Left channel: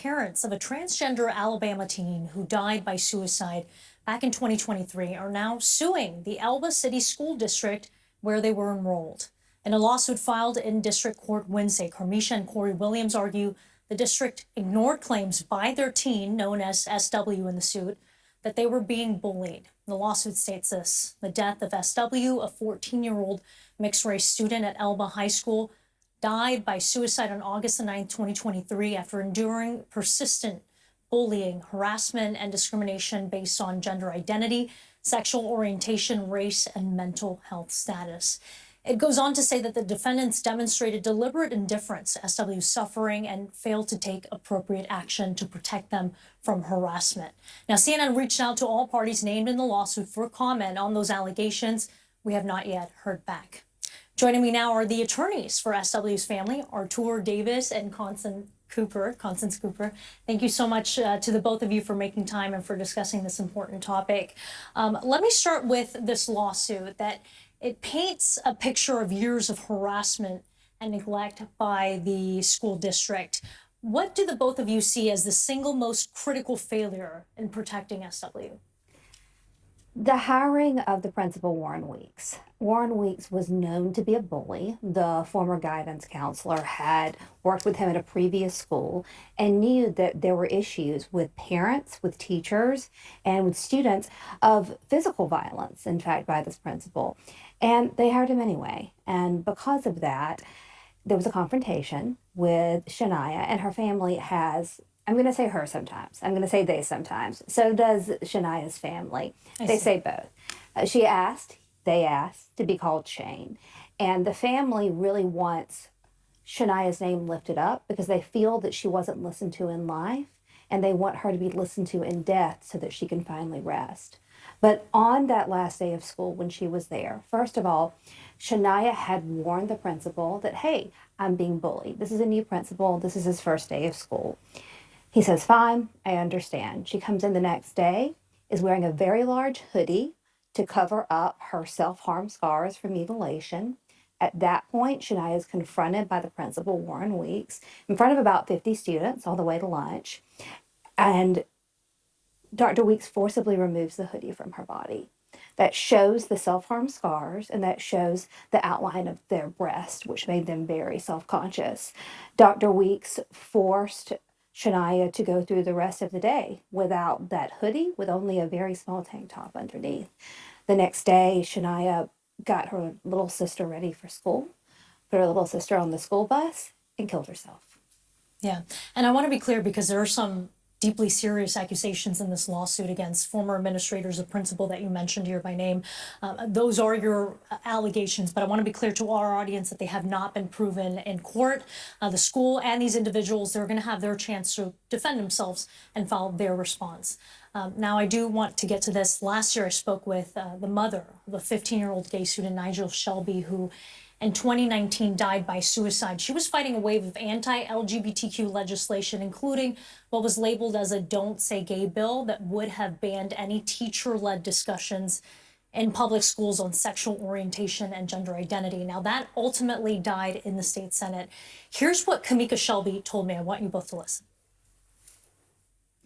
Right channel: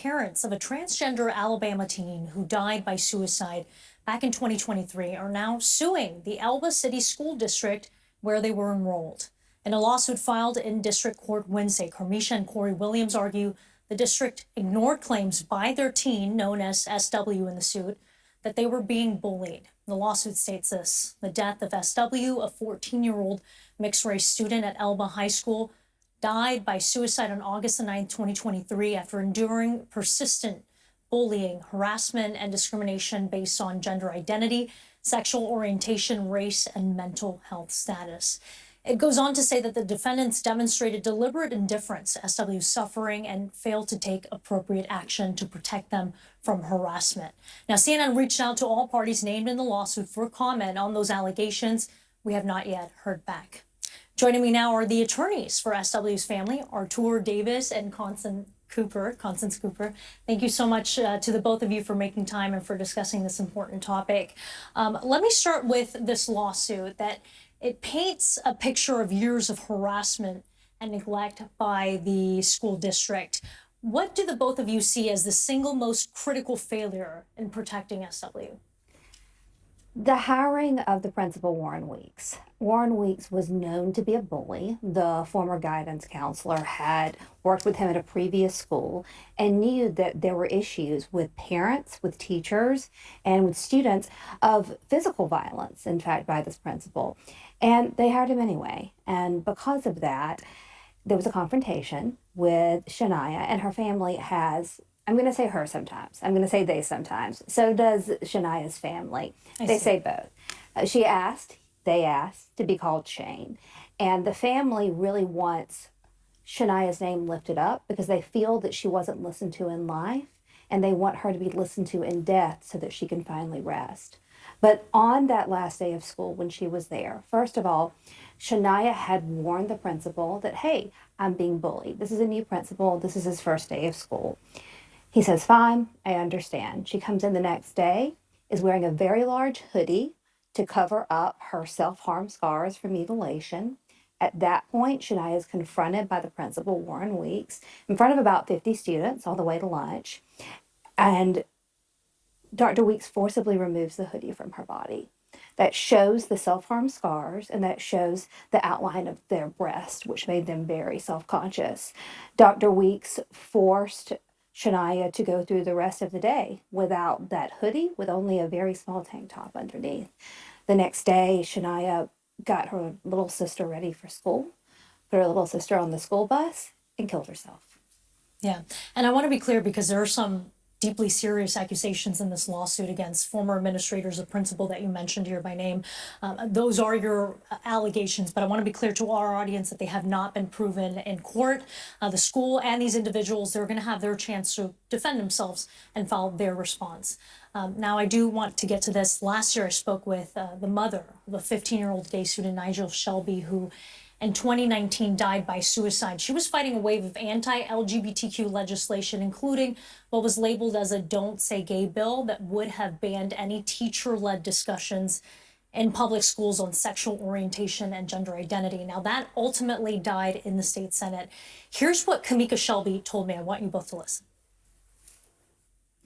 parents of a transgender Alabama teen who died by suicide back in 2023 are now suing the Elba City School District where they were enrolled. In a lawsuit filed in district court Wednesday, Carmisha and Corey Williams argue the district ignored claims by their teen, known as SW in the suit, that they were being bullied. The lawsuit states this: the death of SW, a 14-year-old mixed-race student at Elba High School, died by suicide on August the 9th, 2023, after enduring persistent bullying, harassment, and discrimination based on gender identity, sexual orientation, race, and mental health status. It goes on to say that the defendants demonstrated deliberate indifference to SW's suffering and failed to take appropriate action to protect them from harassment. Now, CNN reached out to all parties named in the lawsuit for comment on those allegations. We have not yet heard back. Joining me now are the attorneys for SW's family, Artur Davis and Constance Cooper. Thank you so much to the both of you for making time and for discussing this important topic. Let me start with this lawsuit that it paints a picture of years of harassment and neglect by the school district. What do the both of you see as the single most critical failure in protecting SW? The hiring of the principal, Warren Weeks. Warren Weeks was known to be a bully. The former guidance counselor had worked with him at a previous school and knew that there were issues with parents, with teachers, and with students of physical violence, in fact, by this principal. And they hired him anyway. And because of that, there was a confrontation with Shania, and her family has, I'm going to say her sometimes, I'm going to say they sometimes. So does Shania's family. They say both. They asked to be called Shane. And the family really wants Shania's name lifted up because they feel that she wasn't listened to in life, and they want her to be listened to in death so that she can finally rest. But on that last day of school when she was there, first of all, Shania had warned the principal that, hey, I'm being bullied. This is a new principal. This is his first day of school. He says, fine, I understand. She comes in the next day, is wearing a very large hoodie to cover up her self-harm scars from mutilation. At that point, Shania is confronted by the principal, Warren Weeks, in front of about 50 students all the way to lunch. And Dr. Weeks forcibly removes the hoodie from her body. That shows the self-harm scars, and that shows the outline of their breast, which made them very self-conscious. Dr. Weeks forced Shania to go through the rest of the day without that hoodie, with only a very small tank top underneath. The next day, Shania got her little sister ready for school, put her little sister on the school bus, and killed herself. Yeah, and I want to be clear because there are some deeply serious accusations in this lawsuit against former administrators of principal that you mentioned here by name. Those are your allegations, but I want to be clear to our audience that they have not been proven in court. The school and these individuals, they're going to have their chance to defend themselves and file their response. Now, I do want to get to this. Last year, I spoke with the mother of a 15-year-old gay student, Nigel Shelby, who in 2019 died by suicide. She was fighting a wave of anti-LGBTQ legislation, including what was labeled as a Don't Say Gay bill that would have banned any teacher-led discussions in public schools on sexual orientation and gender identity. Now, that ultimately died in the state Senate. Here's what Kamika Shelby told me. I want you both to listen.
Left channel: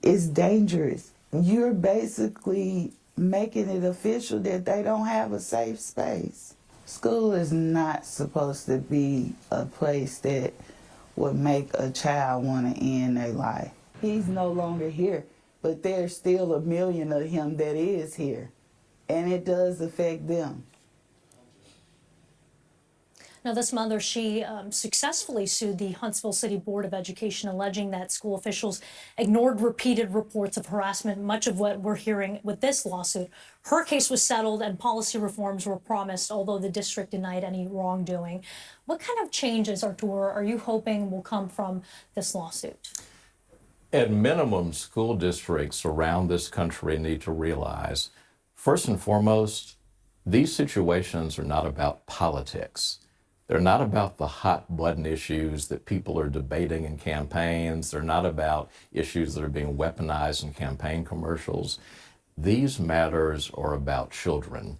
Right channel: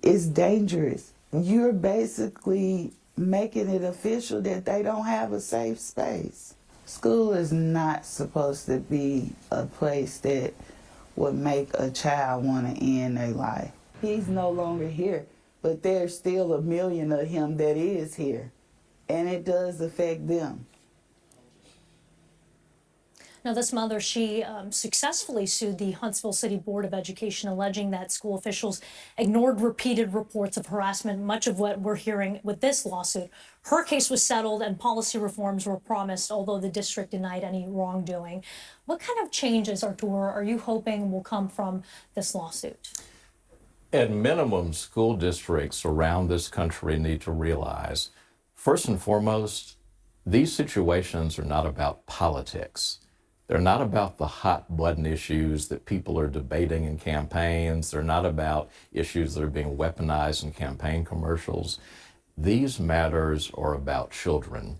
It's dangerous. You're basically making it official that they don't have a safe space. School is not supposed to be a place that would make a child want to end their life. He's no longer here, but there's still a million of him that is here, and it does affect them. Now, this mother, she successfully sued the Huntsville City Board of Education, alleging that school officials ignored repeated reports of harassment, much of what we're hearing with this lawsuit. Her case was settled and policy reforms were promised, although the district denied any wrongdoing. What kind of changes, Artur, are you hoping will come from this lawsuit? At minimum, school districts around this country need to realize, first and foremost, these situations are not about politics. They're not about the hot button issues that people are debating in campaigns. They're not about issues that are being weaponized in campaign commercials. These matters are about children.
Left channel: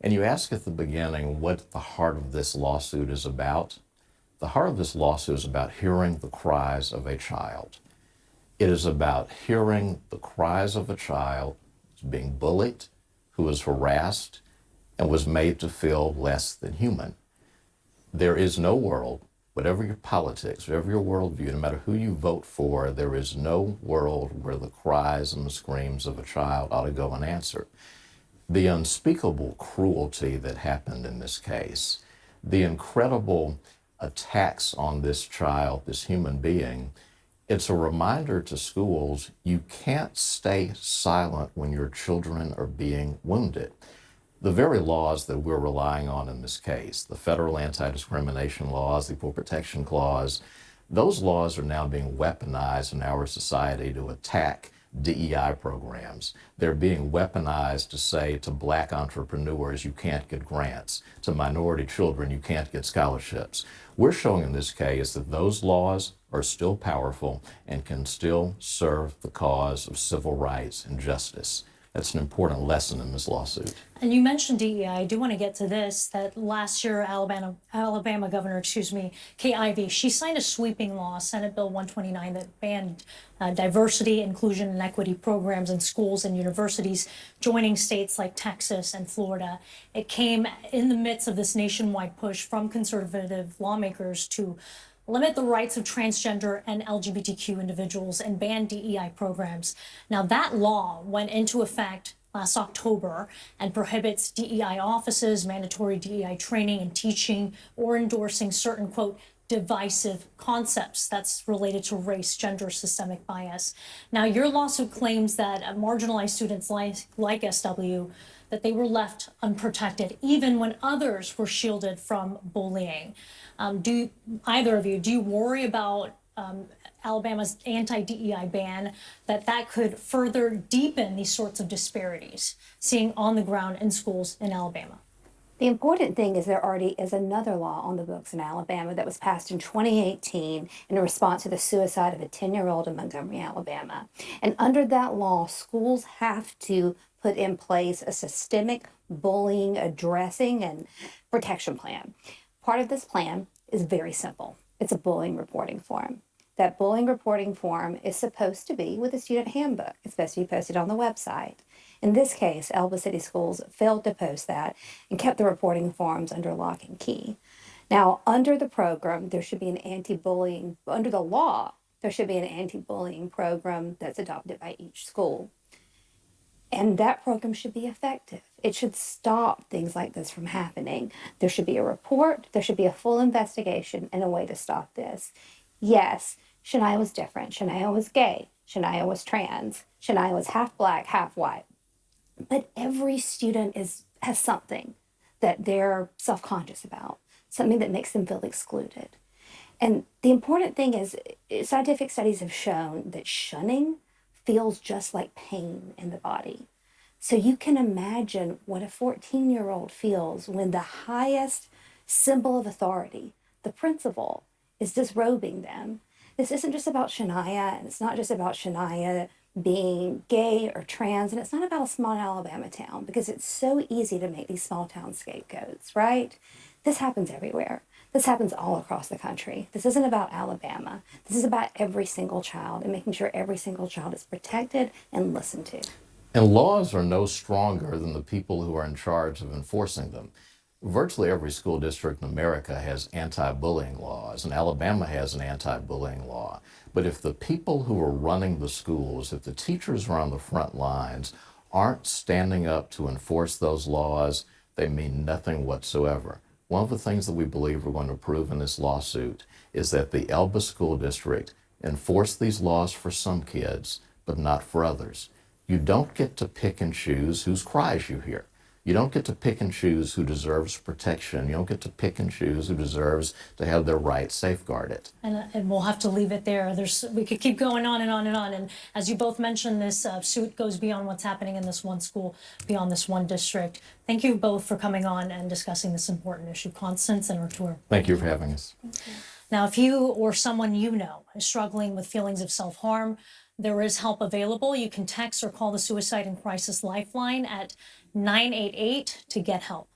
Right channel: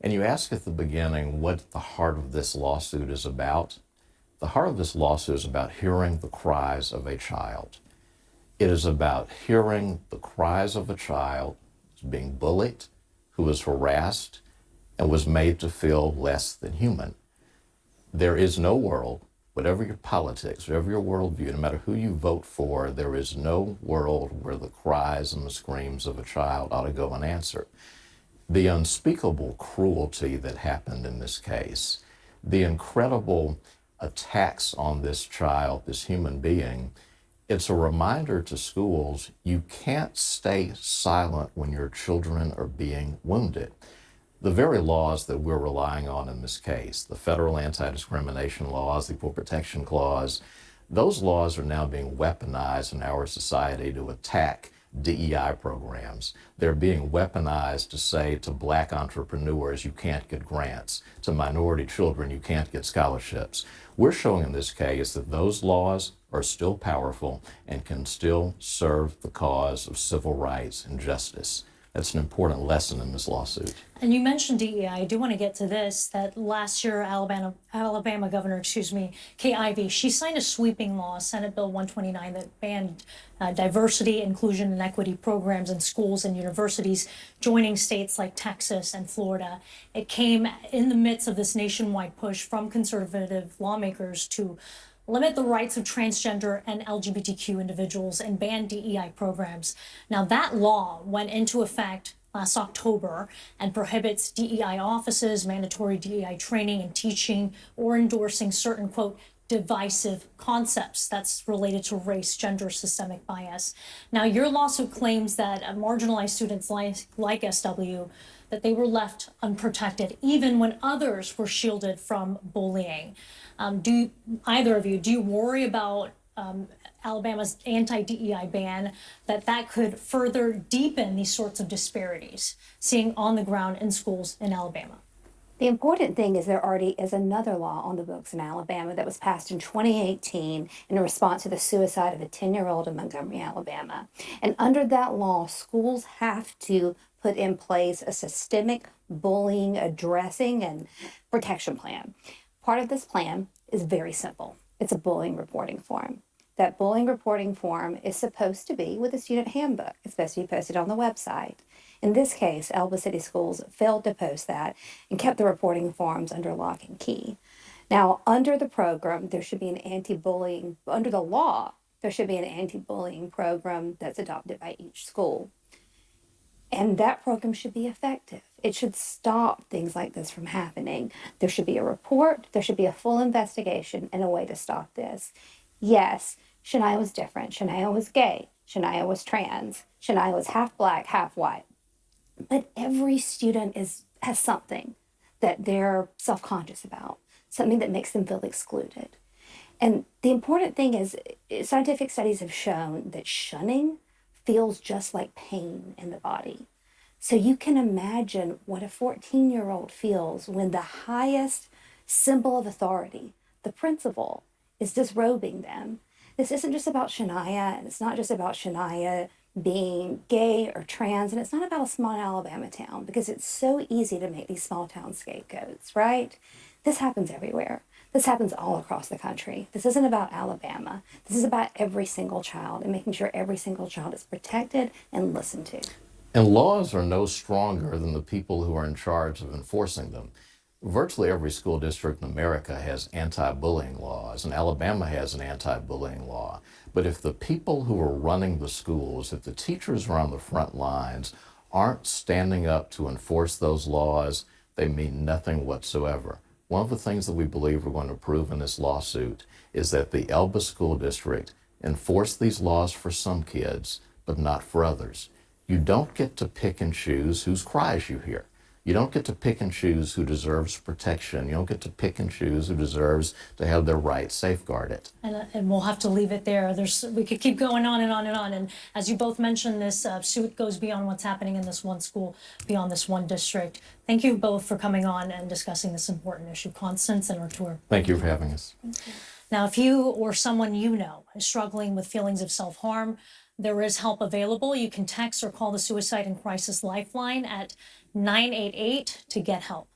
And you ask at the beginning what the heart of this lawsuit is about. The heart of this lawsuit is about hearing the cries of a child. It is about hearing the cries of a child who's being bullied, who was harassed, and was made to feel less than human. There is no world, whatever your politics, whatever your worldview, no matter who you vote for, there is no world where the cries and the screams of a child ought to go unanswered. The unspeakable cruelty that happened in this case, the incredible attacks on this child, this human being, it's a reminder to schools, you can't stay silent when your children are being wounded. The very laws that we're relying on in this case, the federal anti-discrimination laws, the Equal Protection Clause, those laws are now being weaponized in our society to attack DEI programs. They're being weaponized to say to Black entrepreneurs, you can't get grants. To minority children, you can't get scholarships. We're showing in this case that those laws are still powerful and can still serve the cause of civil rights and justice. That's an important lesson in this lawsuit. And you mentioned DEI. I do want to get to this, that last year Alabama Governor, Kay Ivey, she signed a sweeping law, Senate Bill 129, that banned diversity, inclusion, and equity programs in schools and universities, joining states like Texas and Florida. It came in the midst of this nationwide push from conservative lawmakers to limit the rights of transgender and LGBTQ individuals and ban DEI programs. Now, that law went into effect last October and prohibits DEI offices, mandatory DEI training and teaching, or endorsing certain, quote, divisive concepts that's related to race, gender, systemic bias. Now, your lawsuit claims that marginalized students like SW, that they were left unprotected, even when others were shielded from bullying. Either of you, do you worry about Alabama's anti-DEI ban, that could further deepen these sorts of disparities, seeing on the ground in schools in Alabama? The important thing is there already is another law on the books in Alabama that was passed in 2018 in response to the suicide of a 10-year-old in Montgomery, Alabama. And under that law, schools have to put in place a systemic bullying addressing and protection plan. Part of this plan is very simple. It's a bullying reporting form. That bullying reporting form is supposed to be with the student handbook. It's supposed to be posted on the website. In this case, Elba City Schools failed to post that and kept the reporting forms under lock and key. Now, under the program, there should be an anti-bullying, under the law, there should be an anti-bullying program that's adopted by each school. And that program should be effective. It should stop things like this from happening. There should be a report, there should be a full investigation and a way to stop this. Yes, Shania was different. Shania was gay. Shania was trans. Shania was half Black, half white. But every student has something that they're self-conscious about, something that makes them feel excluded. And the important thing is, scientific studies have shown that shunning feels just like pain in the body. So you can imagine what a 14-year-old feels when the highest symbol of authority, the principal, is disrobing them. This isn't just about Shania, and it's not just about Shania being gay or trans, and it's not about a small Alabama town, because it's so easy to make these small town scapegoats, right? This happens everywhere. This happens all across the country. This isn't about Alabama. This is about every single child and making sure every single child is protected and listened to. And laws are no stronger than the people who are in charge of enforcing them. Virtually every school district in America has anti-bullying laws, and Alabama has an anti-bullying law. But if the people who are running the schools, if the teachers are on the front lines, aren't standing up to enforce those laws, they mean nothing whatsoever. One of the things that we believe we're going to prove in this lawsuit is that the Elba School District enforced these laws for some kids, but not for others. You don't get to pick and choose whose cries you hear. You don't get to pick and choose who deserves protection. You don't get to pick and choose who deserves to have their rights safeguarded. And we'll have to leave it there. We could keep going on and on and on. And as you both mentioned, this suit goes beyond what's happening in this one school, beyond this one district. Thank you both for coming on and discussing this important issue. Constance and Artur. Thank you for having us. Now, if you or someone you know is struggling with feelings of self-harm, there is help available. You can text or call the Suicide and Crisis Lifeline at 988 to get help.